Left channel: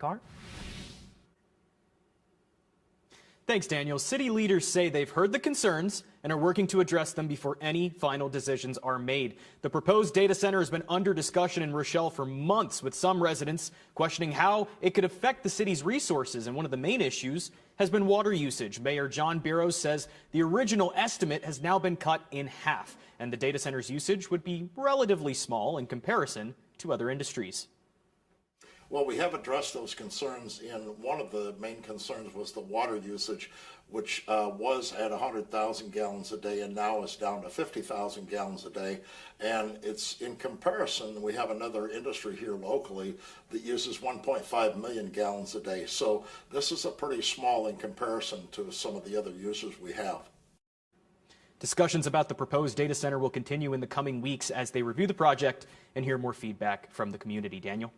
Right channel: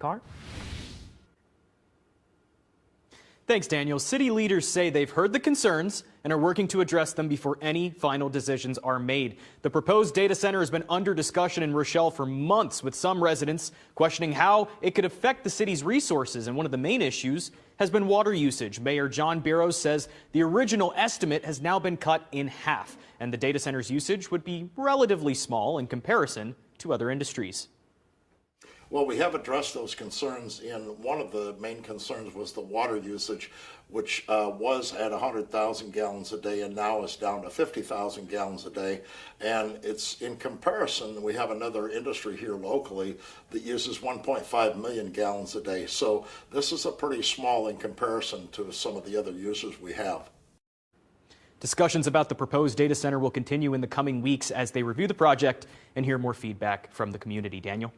Car? Thanks, Daniel. City leaders say they've heard the concerns and are working to address them before any final decisions are made. The proposed data center has been under discussion in Rochelle for months, with some residents questioning how it could affect the city's resources. And one of the main issues has been water usage. Mayor John Biros says the original estimate has now been cut in half, and the data center's usage would be relatively small in comparison to other industries. Well, we have addressed those concerns, and one of the main concerns was the water usage, which was at 100,000 gallons a day and now is down to 50,000 gallons a day. And it's in comparison, we have another industry here locally that uses 1.5 million gallons a day. So this is a pretty small in comparison to some of the other users we have. Discussions about the proposed data center will continue in the coming weeks as they review the project and hear more feedback from the community. Daniel?